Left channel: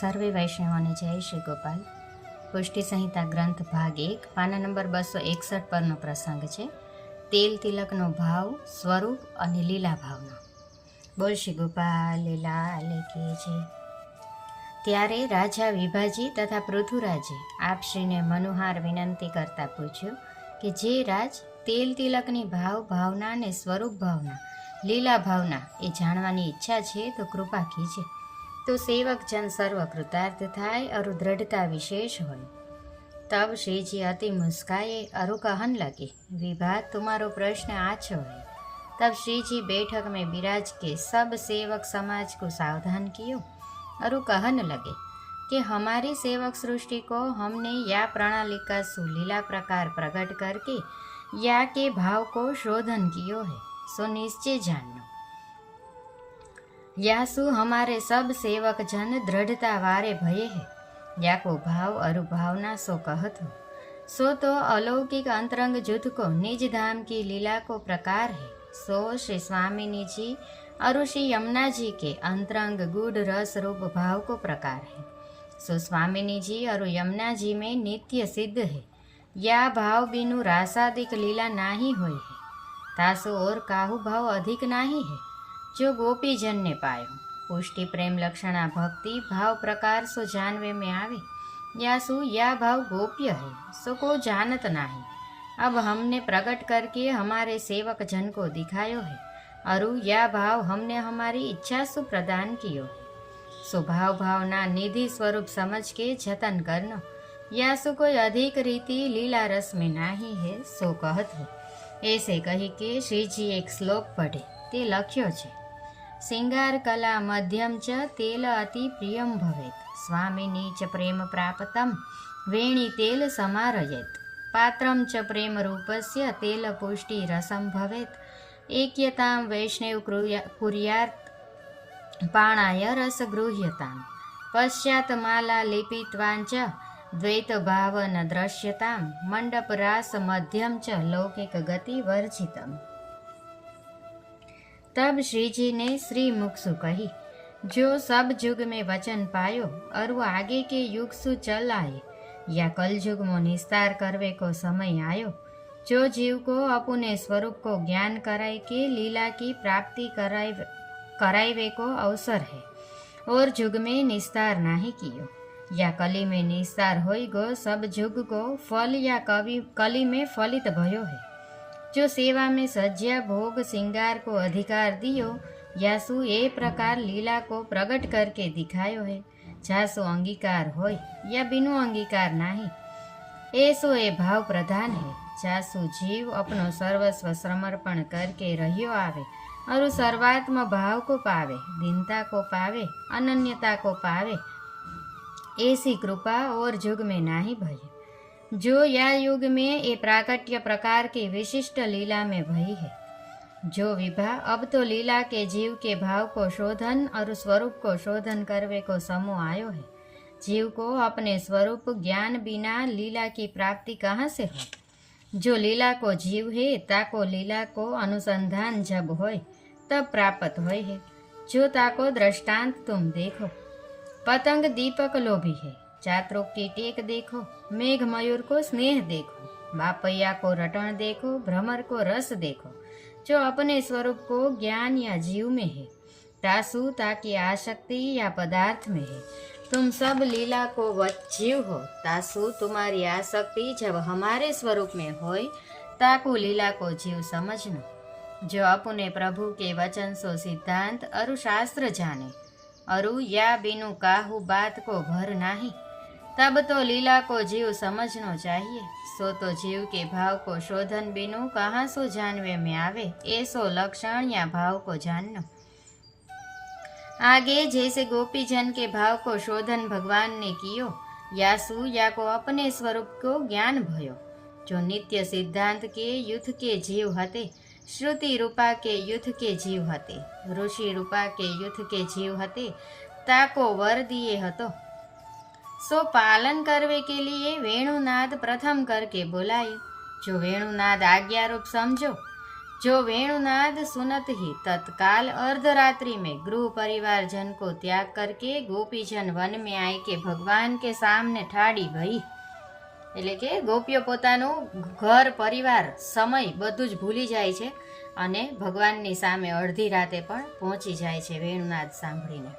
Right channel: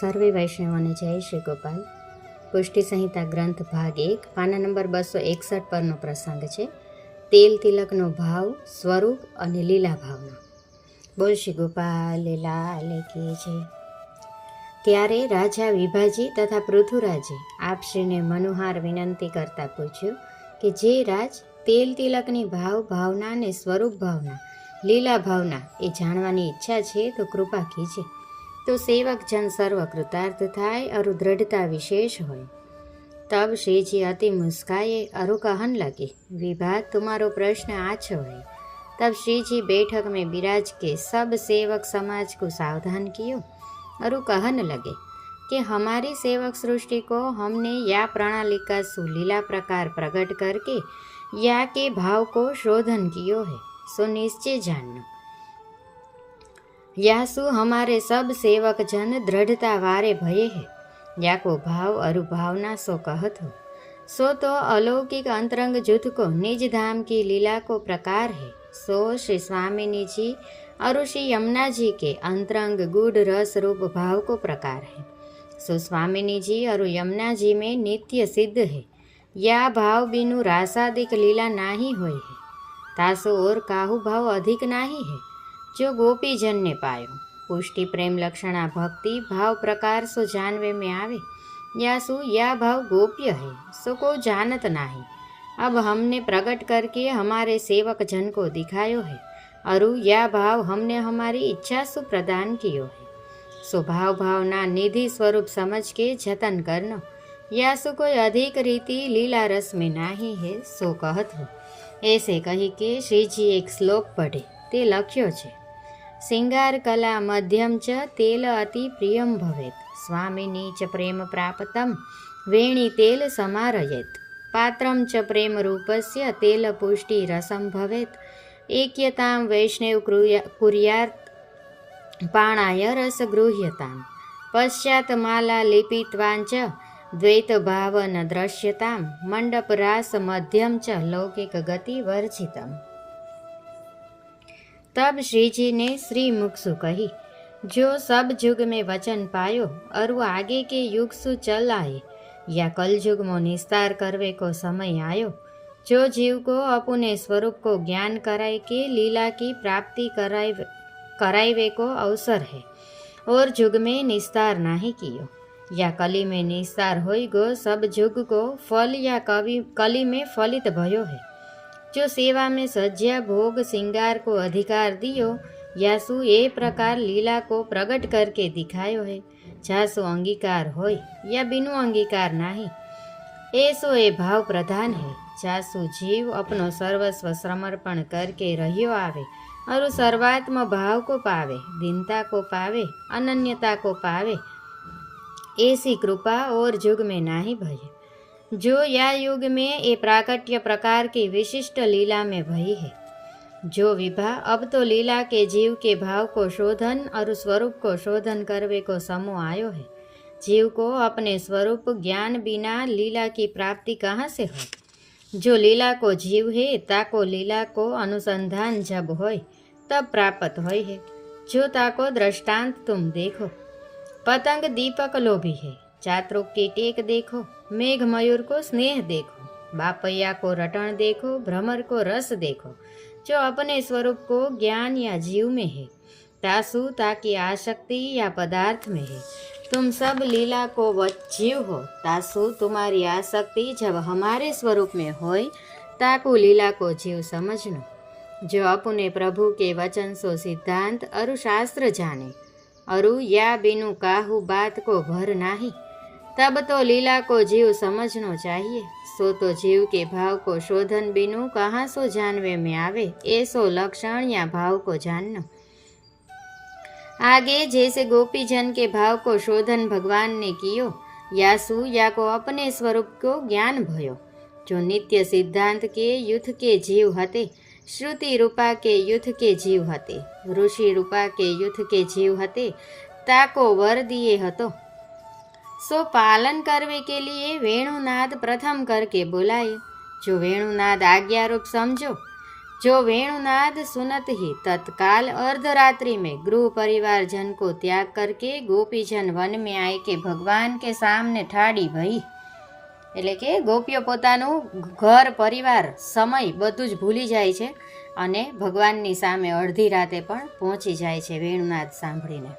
સર્વે વૈષ્ણવોને જય શ્રી ગોપાલ. પુષ્ટિ સંહિતા ગ્રંથ ભાગ એક, પાના નંબર બસો એકસઠ પરનો પ્રસંગ છે. તેલ તિલકનો ભાવ, સ્વરૂપ અને લીલા ભાવનો. બોલ શ્રી ગોપાલ, લાલ કી છે ત્યારે રાજા વિભાજી તથા પૃથુરાજે આપશ્રીને મનોહાર વિનંતી કરતા પૂછ્યું કે, જે રાજ, તેલ તિલકની ભાવ, ભાવના અને સ્વરૂપ ભાવના, લીલા ભાવના એ જાણવાની ઈચ્છા છે તો કૃપા કીજે. તો સેવક જન સર્વ કૃતાર્થ થાય અરુ દ્રઢતા વિશેષ હોય તબ શ્રીજી અતિ મુસ્કાએ अरु कहन लगे विभा तुम्हारो प्रश्न आछ है तब श्री जी बैठक में विराज के सब सेवक समाज को सावधान कियो अरु कहन लगे कि हमारी सेवक सृष्टि को हमने या प्रणाली का सुलीला प्रकार प्रकट करके या के भाव को शोधन कियो है सो निश्चय जानना यासु हमारे सब सेवक जन दृढ़ता वारे भये है। या को भाव अरुभावना सो कहत हो। सो तो अलौकिक अंतरंग जुथ को, निज धाम की लीला को प्रकार है। सो श्री स्वामिनी जी और श्री यमुना जी के अंतरंग गुड रस रूप भाव को प्रकार है। सो स्वामिनी जी और यमुना जी में नित्य सिद्ध है। या भाव बिनु रासादिक लीला नाही है। तासो और काहू भाव अधिक नाही है। जो गोपी जन ने पायो पुष्टि प्रेम लक्षणा भक्ति भाव प्रकार सो जानवे में आवे या सु या भाव गोप्य है सो को जानत नाही अब हमने प्रकट करके हमारे सेवक जन को दिखायो है अरु या भाव हमने हमारी इच्छा सु प्रदान कियो है सो भाव भावना निधि स्वरूप समझ के जतन करनो या सु कोई अधिक रीति लीला रस में नाही है सो कहत हो ऐसे कही के श्री जी एक श्लोक पढ़े ते लख्यो छे શિંગાર કલા મધ્યમ ચ તેલ અતિ પ્રિયમ ભવેત. સ્વામિની ચ પ્રેમ પ્રાપ્તમ, વેણી તેલ સમારયેત. પાત્રમ ચ પ્રેમ રૂપસ્ય, તેલ પુષ્ટિ રસમ ભવેત. એક્યતામ વૈષ્ણવ કુર્યાત પાણાય રસ ગૃહ્યતામ. પશ્ચાત માલા લિપિત્વાંચ દ્વૈત ભાવન દ્રશ્યતામ. મંડપ રાસ મધ્યમ ચ, લૌકિક ગતિ વર્જિતમ. तब श्री जी ने श्री मुख सु कही, जो सब युग में वचन पायो और वो आगे के युग सु चल आए। या कल युग में निस्तार करवे को समय आयो। जो जीव को अपने स्वरूप को ज्ञान कराए के लीला की प्राप्ति कराए कराइवे को अवसर है, और युग में निस्तार नहीं कियो। या कली में निस्तार होई गो सब युग को फल या कवि, कली में फलित भयो है। जो सेवा में सज्जा भोग, श्रृंगार को अधिकार दियो, यासु ए प्रकार लीला को प्रकट करके दिखायो है। जासो अंगीकार होय या बिनु अंगीकार नहीं, ऐसो ए भाव प्रधान है। जासु जीव अपनो सर्वस्व समर्पण करके रहियो आवे और सर्वात्म भाव को पावे, दीनता को पावे, अनन्यता को पावे, ऐसी कृपा और युग में नाही भय। जो या युग में ये प्राकट्य प्रकार की विशिष्ट लीला में भई है। जो विभा, अब तो लीला के जीव के भाव को शोधन और स्वरूप को शोधन करवे को समूह आयो है। जीव को अपने स्वरूप, ज्ञान बिना लीला की प्राप्ति कहाँ से हो जो लीला को जीव है, ताको लीला को अनुसंधान जब होय, तब प्राप्त होय है। जो ताको दृष्टांत तुम देखो, पतंग दीपक लोभी है चात्रों की टेक देखो मेघ मयूर को स्नेह देखो बापैया को रटन देखो, भ्रमर को रस देखो। जो अपने स्वरूप को ज्ञान या जीव में है, तासु ताकि आसक्ति या पदार्थ में है। तुम सब लीला को जीव हो, तासु तुम्हारी आसक्ति जब हमारे स्वरूप में होय ताकु लीला को जीव समझनो। जो अपने प्रभु के वचन सो सिद्धांत अरु शास्त्र जाने, अरु या बिनु काहू बात को भर नाही। तब तो लीला को जीव समझनो चाहिए। सो तो जीव के भाव को शोधन बिनु, कहाँ सो जानवे में आवे? ऐसो लक्षण या भाव को जानना। आगे जैसे गोपी जन के भाव को शोधन भगवान ने कियो, यासु या को अपने स्वरूप को ज्ञान भयो। जो नित्य सिद्धांत के युद्ध के जीव हते, श्रुति रूपा के युद्ध के जीव हते, ऋषि रूपा के युद्ध के जीव हते, ताको वर दिए हतो। सो पालन करवे के लिए वेणुनाद प्रथम करके बोलायो जो वेणुनाद आज्ञा रूप समझो जो वेणुनाद सुनत ही तत्काल अर्धरात्रि में गृह परिवार जन को त्याग करके गोपीजन वन में आए के भगवान के सामने ઠાડી ભઈ એટલે કે ગોપીઓ પોતાનું ઘર પરિવાર સમય બધું જ ભૂલી જાય છે અને ભગવાનની સામે અડધી રાતે પણ પહોંચી જાય છે વેણુનાદ સાંભળીને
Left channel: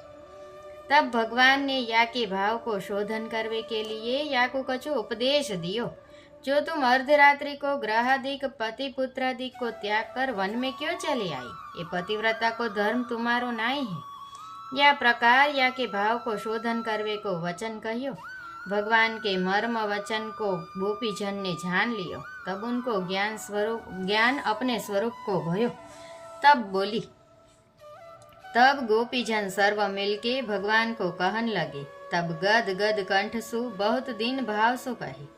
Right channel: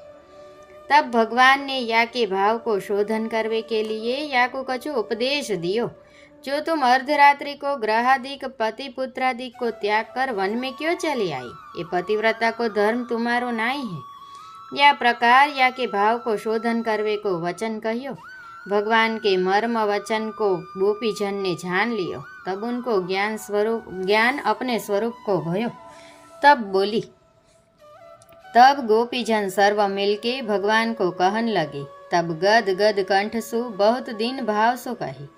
तब भगवान ने या के भाव को शोधन करने के लिए या को कछु उपदेश दियो। जो तुम अर्धरात्रि को ग्रहादिक पति पुत्रादिक को त्याग कर वन में क्यों चली आई? ये पतिव्रता को धर्म तुम्हारो नहीं है। या प्रकार या के भाव को शोधन करवे को वचन कहियो? भगवान के मर्म वचन को गोपीजन ने जान लियो, तब उनको ज्ञान स्वरूप, ज्ञान अपने स्वरूप को भयो। तब बोली तब गोपीजन सर्व मिलके भगवान को कहन लगे। तब गद गद कंठ सु बहुत दिन भाव सु कही,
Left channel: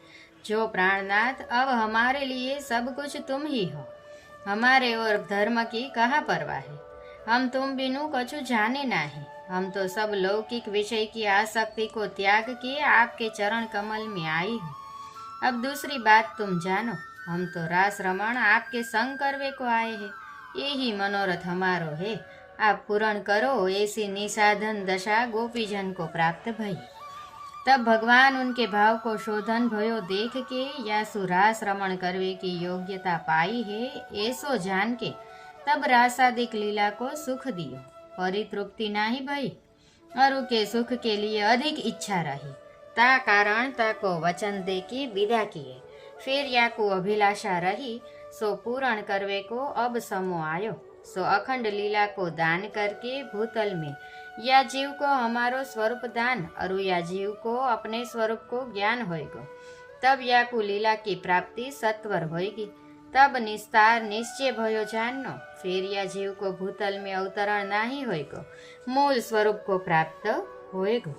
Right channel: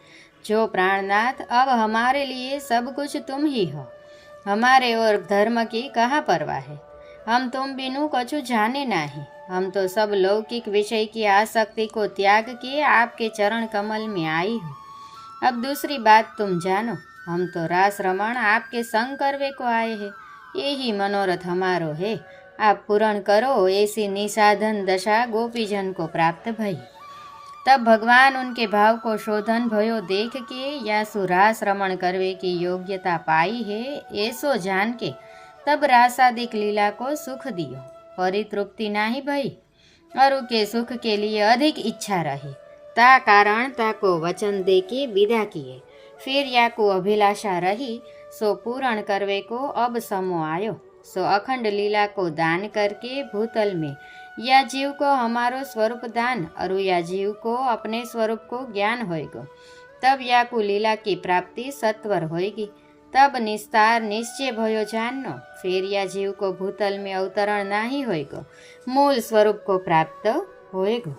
जो प्राणनाथ, अब हमारे लिए सब कुछ तुम ही हो। हमारे और धर्म की कहाँ परवाह है? हम तुम बिनु कछु जाने नहीं। हम तो सब लौकिक विषय की आसक्ति को त्याग के आपके चरण कमल में आई हूँ। अब दूसरी बात तुम जानो, हम तो रास रमण आपके संग करवे को आए हैं। यही मनोरथ हमारो है। आप पूर्ण करो, ऐसी निसाधन दशा गोपीजन को प्राप्त भई। तब भगवान उनके भाव को शोधन भयो, देख के या सुरास रमण करवे की योग्यता पाई है, ऐसो जान के तब रासादिक लीला को सुख दियो परितृप्ति नाही भई, और उनके सुख के लिए अधिक इच्छा रही। ता कारण ता को वचन दे के विदा किए। फिर या को अभिलाषा रही, सो पूर्ण करवे को अब समो आयो। सो अखंड लीला को दान करके भूतल में। या जीव को हमारो स्वरूप दान और या जीव को अपने स्वरूप को ज्ञान होएगो। तब या को लीला की प्राप्ति सत्वर होएगी। तब निस्तार निश्चय भयो जाननो, फिर या जीव को भूतल में अवतरण नहीं होएगो। मूल स्वरूप को प्राप्त होएगो।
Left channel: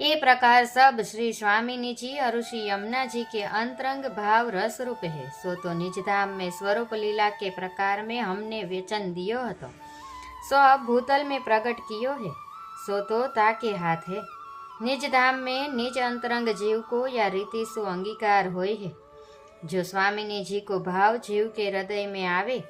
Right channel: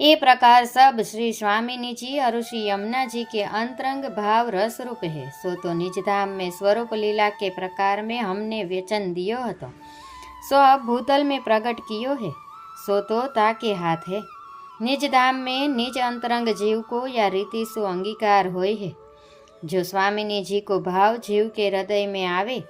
ये प्रकार सब श्री स्वामिनी जी और श्री यमुना जी के अंतरंग भाव रस रूप है सो तो निज धाम में स्वरूप लीला के प्रकार में हमने वचन दियो હતો. सो अब भूतल में प्रकट कियो है सो तो ताके हाथ है निज धाम में निज अंतरंग जीव को या रीति सो अंगीकार होय है जो स्वामिनी जी को भाव जीव के हृदय में आवे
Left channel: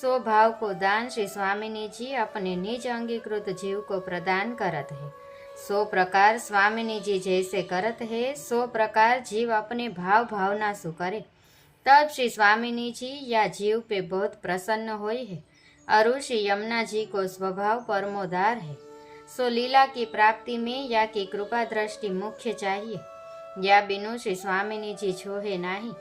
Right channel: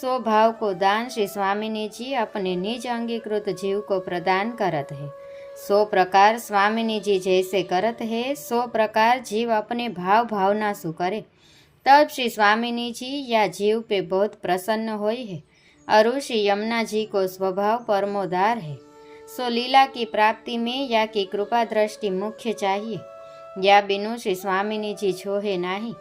सो भाव को दान श्री स्वामिनी जी अपने निज अंगीकृत जीव को प्रदान करत है सो प्रकार स्वामिनी जी जैसे करत है सो प्रकार जीव अपने भाव भावना सु करे तब श्री स्वामिनी जी या जीव पे बहुत प्रसन्न होई है और श्री यमुना जी को स्वभाव परमोदार है सो लीला की प्राप्ति में या की कृपा दृष्टि मुख्य चाहिए या बिनु श्री स्वामिनी जी छोहे नहीं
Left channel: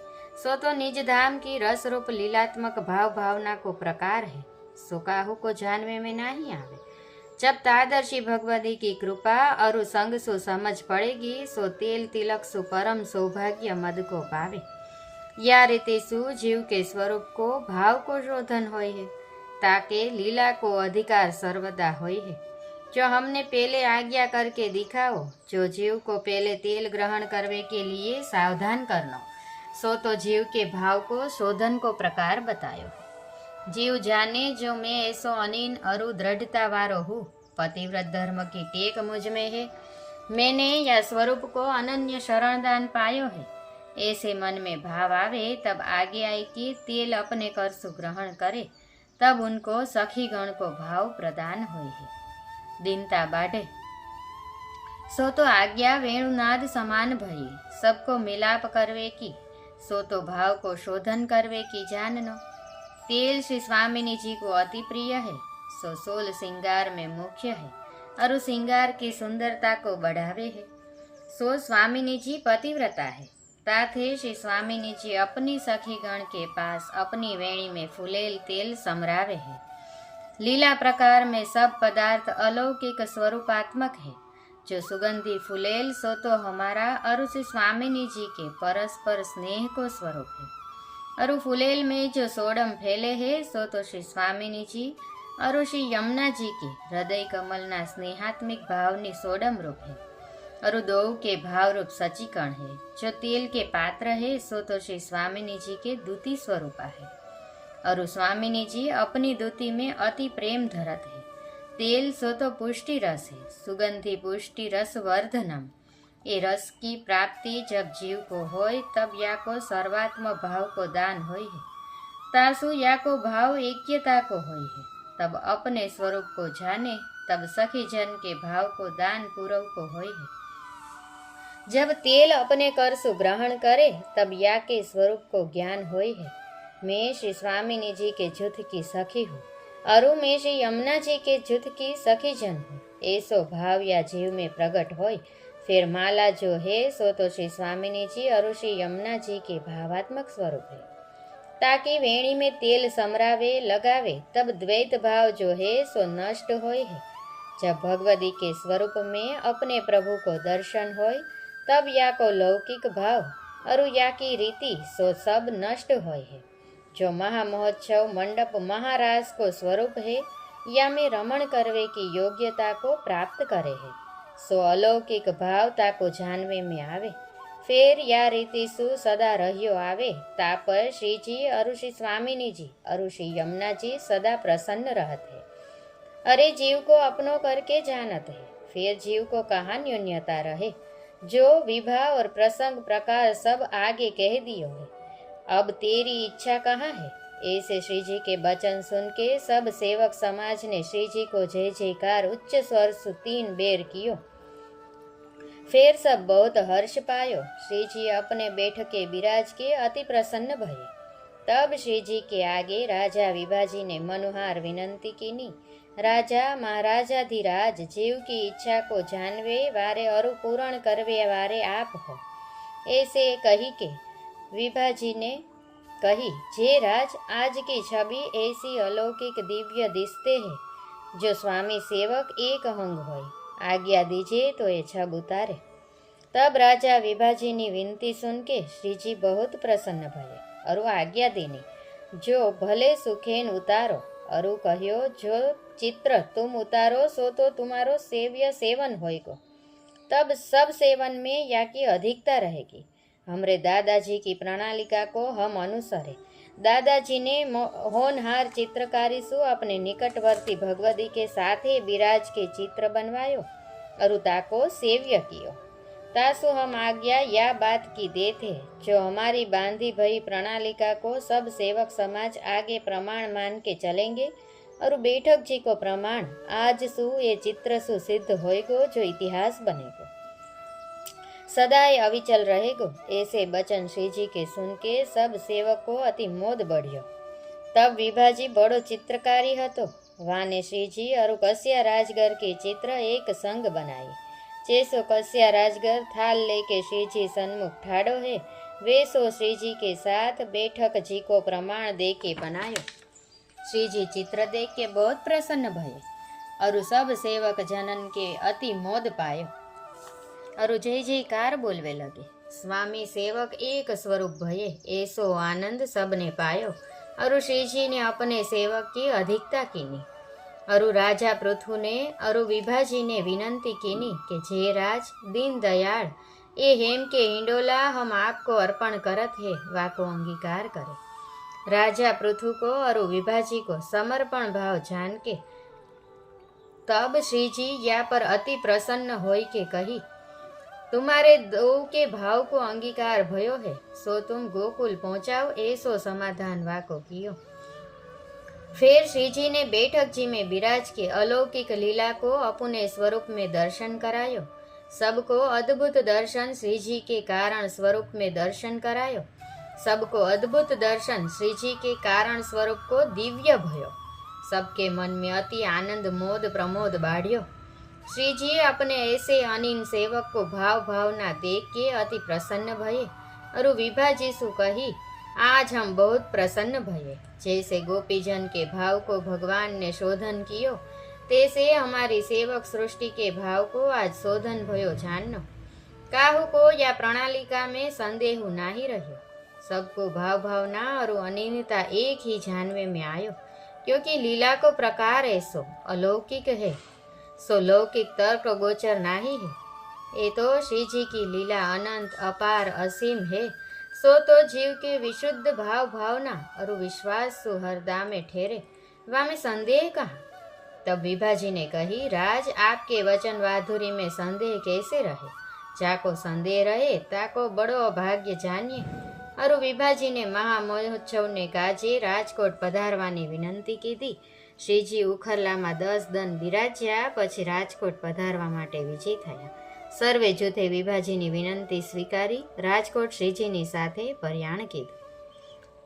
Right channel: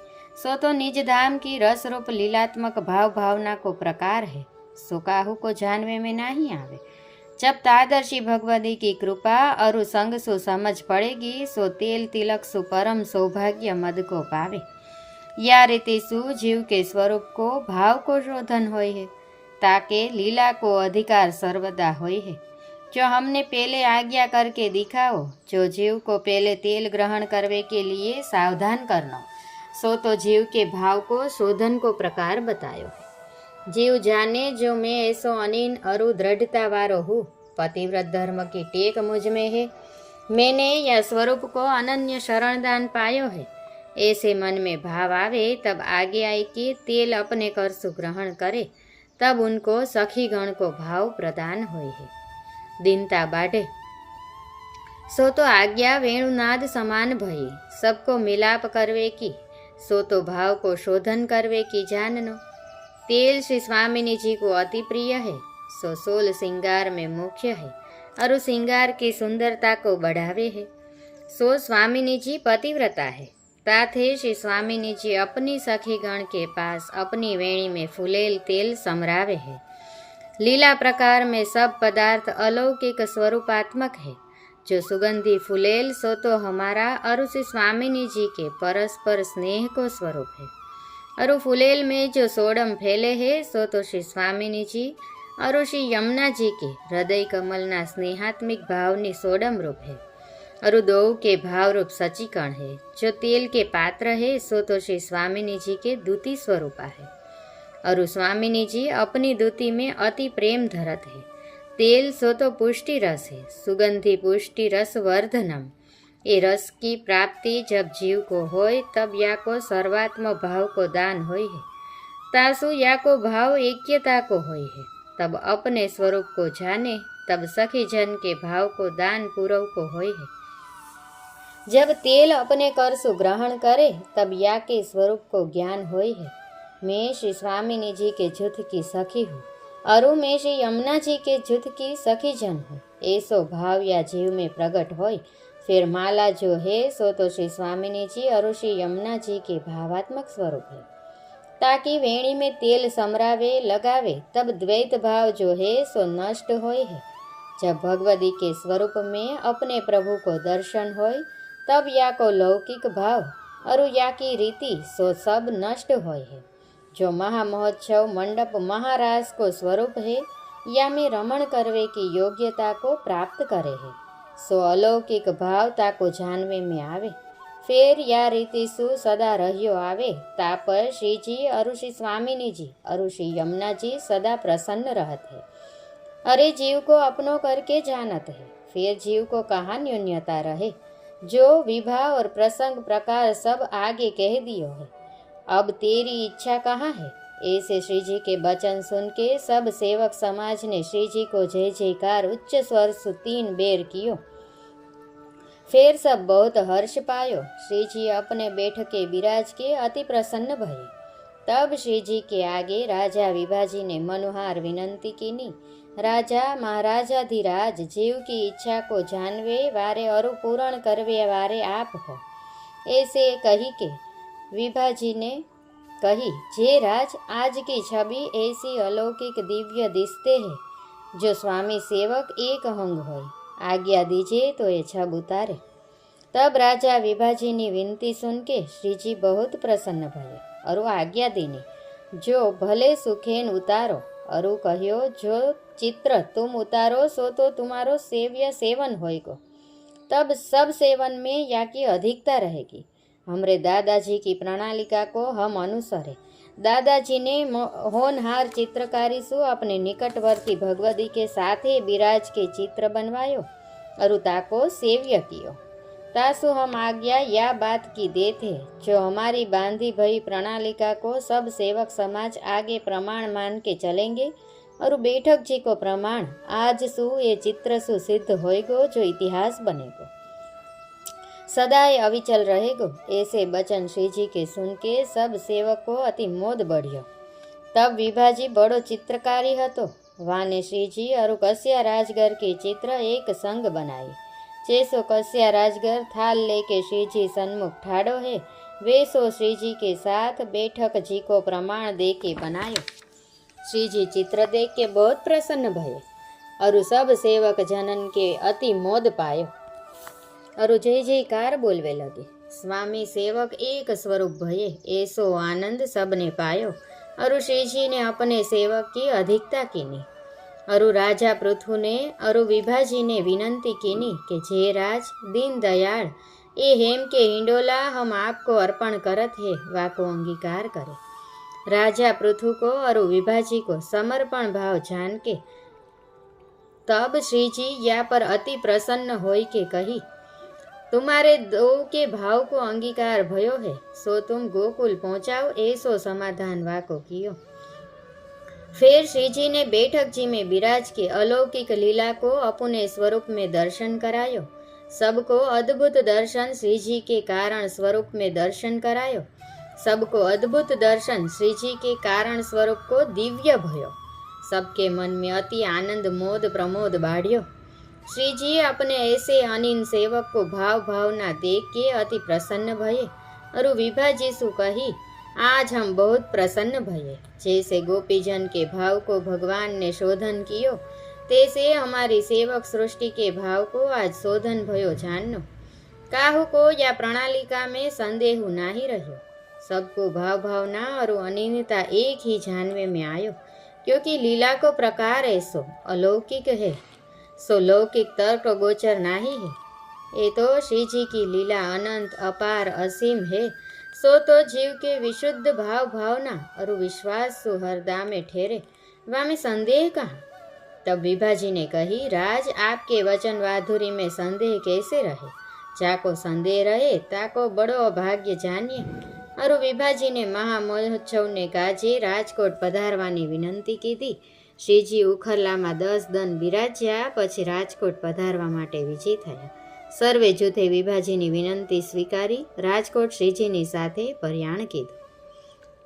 सो तो निज धाम की रस रूप लीलात्मक भाव भावना को प्रकार है सो काहू को जानवे में नहीं आवे जब तादर्शी भगवती की कृपा और संग सो समझ पड़ेगी, सो तेल तिलक सु परम सौभाग्य मद को पावे। या रीति सु जीव के स्वरूप को, भाव को शोधन होय है, ताके लीला को अधिकार सर्वदा होय है। जो हमने पहले आज्ञा करके दिखाओ, जो जीव को पहले तेल ग्रहण करने के लिए सावधान करना, सो तो जीव के भाव को, शोधन को प्रकार बतायो। जीव जाने जो मैं ऐसो अनिन अरु दृढ़ता वारो हूँ पतिव्रत धर्म की टेक मुझमें है मैंने या स्वरूप को अनन्य शरणदान पायो है ऐसे मन में भाव आवे तब आगे आई कि तेल अपने कर सुग्रहण करे तब उनको सखी गण को भाव प्रदान होए है दीनता बाढ़े सो तो आज्ञा वेणुनाद समान भई सबको मिलाप करवे की सो तो भाव को शोधन करवे की जाननो तेल श्री स्वामिनी जी को अति प्रिय है। सो सोल श्रृंगार में मुख्य है और श्रृंगार की सुंदरता को बढ़ावे है। सो स्वामिनी जी पतिव्रता है। ताथे श्री स्वामिनी जी अपनी सखी गण के पास अपनी वेणी में फुलेल तेल समरावे है। लीला प्रकार में सब पदार्थ अलौकिक स्वरूपात्मक है। जो सुगंधी फुलेल, सो तो हमारा और उसी स्वामिनी जी के परस्पर स्नेह को स्वरूप है। और फुलेल में जो सोडम फैले है, सो तो श्री स्वामिनी जी। और श्री यमुना जी के हृदय कमलना स्नेहात्मिक भावनी सोडम रूप है। और दो के भाव रूप सचीकण है। जो तेल के पात्र है, सो तो श्री स्वामिनी जी के दूती स्वरूपा है। और स्वामिनी जी अपनी दूती में अति प्रेम धरत है। तेल सो तो पुष्टि रस है। सुगंधी पुष्टि रस वर्धनम। रस की प्राप्ति जब जीव को होय, तब या को सर्वात्म भाव को दान होय है। तासु या को भाव ऐक्यता को होय है। तब अपने स्वरूप को जाने, तब सखी जन के भाव को दान पूर्व को होय है। जब तेल अपने कर सु ग्रहण करे, तब या के स्वरूप को ज्ञान होय है। मैं श्री स्वामिनी जी के जुथ की सखी हूँ, अरु में श्री यमुना जी के जुथ की सखी जन हूँ। ऐसो भाव या जीव में प्रकट होय फिर माला जो है, सो तो श्री स्वामिनी जी और श्री यमुना जी के भावात्मक स्वरूप है। ताकि वेणी में तेल समरावे, लगावे, तब द्वैत भाव जो है, सो नष्ट होय है। जब भगवती के स्वरूप में अपने प्रभु को दर्शन होय तब या को लौकिक भाव और या की रीति, सो सब नष्ट होय है। जो महामहोत्सव मंडप महाराज को स्वरूप है, या में रमण करवे की योग्यता को प्राप्त करे है। भावता को जानवे में आवे फिर या रीति सु सदा रहियो आवे पर श्री जी श्री स्वामिनी जी श्री यमुना जी सदा प्रसन्न रहते अरे जीव को अपनो करके जानत है फिर जीव को कहाँ न्यून्यता रहे जो विवाह और प्रसंग प्रकार सब आगे कह दियो है अब तेरी इच्छा कहाँ है ऐसे श्री जी के वचन सुन के सब सेवक समाज ने श्री जी को जय जयकार उच्च स्वर सु तीन बेर कियो फिर सब बहुत हर्ष पायो श्री जी अपने बैठ के विराज के अति प्रसन्न भये तब श्री जी के आगे राजा विभाजी ने मनुहार विनंती की नी राजा महाराजाधिराज जीव की इच्छा को जानवे वारे और पूर्ण करवे वारे आप हो ऐसे कही के विभाजी ने कही, जे राज, आज की छवि ऐसी अलौकिक दिव्य दिखते है, जो स्वामी सेवक एक अंग हो आज्ञा दीजिए तो ये छब उतारे। तब राजा विभाजी ने विनती सुन के श्री जी बहुत प्रसन्न भये अरु आज्ञा देने, जो भले सुखेन उतारो अरु कहो जो चित्र तुम उतारो, सो तो तुम्हारो सेव्य सेवन होएगो। तब सब सेवन में या की अधिकता रहेगी। हमरे दादाजी की प्रणालिका को हम अनुसरे। दादाजी ने होनहार चित्रकारी सु अपने निकटवर्ती भगवती के साथ विराज के चित्र बनवायो अरुता को सेव्य कियो। तासु हम आज्ञा या बात की दे थे जो हमारी बांधी भई प्रणालिका को सब सेवक समाज आगे प्रमाण मान के चलेंगे और बैठक जी को प्रमाण, आज सु ये चित्र सु सिद्ध होएगो, जो इतिहास बनेगो। सदाए अविचल रहेगो। ऐसे बचन श्री जी के सुन के सब सेवक अति मोद बढ़ियो। तब विभाजी बड़ो चित्रकारी हतो। वाने श्रीजी और कस्या राजगर के चित्र एक संग बनाई चेसो कस्या राजगर थाल लेके श्रीजी सन्मुख ठाड़ो है वे सो श्रीजी के साथ बैठक जी को प्रमाण दे के बनायो। श्रीजी चित्र देख के बहुत प्रसन्न भयो। और सब सेवक जनन के अति मोद पायो। और जय जयकार बोलवे लगे स्वामी सेवक एक स्वरूप भये ऐसो आनंद सबने पायो और श्रीजी ने अपने सेवक की अधिकता कीनी अरु राजा पृथु ने अरु विभाजी ने विनंती कीनी कि जे राज दीन दयाल ए हेम के हिंडोला हम आपको अर्पण करत है वाको अंगीकार करे राजा पृथु को और विभाजी को समर्पण भाव जान के तब श्री जी या पर अति तुम्हारे दो के भाव को अंगीकार भयो है, सो तुम गोकुल पहुंचाओ, ऐसो समाधान वाको कियो। फिर श्री जी ने बैठक जी में विराज के अलौकिक लीला को अपने स्वरूप में दर्शन करायो। सबको अद्भुत दर्शन श्री जी के कारण स्वरूप में दर्शन करायो। सबको अद्भुत दर्शन श्री जी के कारण स्वरूप को दिव्य भयो। सबके मन में अति आनंद, मोद, प्रमोद बाढ़ियो। श्री जी अपने ऐसे अनिन सेवक को भाव भावना देख के अति प्रसन्न भये और विभा जी सु कही आज हम बहुत प्रसन्न भये जैसे गोपीजन के भाव को भगवान ने शोधन कियो तैसे हमारी सेवक सृष्टि के भाव को आज शोधन भयो जानो काहू को या प्रणालिका में संदेह नहीं रहो सबको भाव भावना और अनियमिता एक ही जानवे में आयो क्योंकि लीला को प्रकार ऐसो अलौकिक है सो लौकिक तर्क गोचर नहीं है ये तो श्री जी की लीला अनंत अपार असीम है सो तो जीव के विशुद्ध भाव भावना और विश्वास सु हरदा में ठहरे वहाँ में संदेह कहाँ तब विभाजी ने कही राज आपके वचन वाधुरी में संदेह कैसे रहे जाको संदेह रहे ताको बड़ो अभाग्य जानिए અરુ વિભાજીને મહામહોત્સવને કાજે રાજકોટ પધારવાની વિનંતી કીધી શ્રીજી ઉખરલામાં દસ દન બિરાજ્યા, પછી રાજકોટ પધારવા માટે વિજય થયા. સર્વે જૂથે વિભાજીની વિનંતી સ્વીકારી, રાજકોટ શ્રીજીની સાથે પર્યાણ કીધું.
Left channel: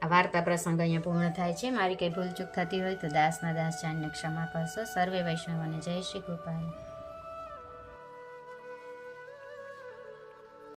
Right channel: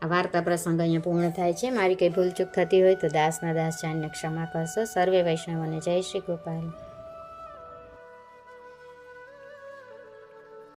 આ વાર્તા પ્રસંગ અહીંયા પૂર્ણ થાય છે. મારી કંઈ ભૂલચૂક થતી હોય તો દાસના દાસ જાણને ક્ષમા કરશો. સર્વે વૈષ્ણવોને જય શ્રી ગોપાલ.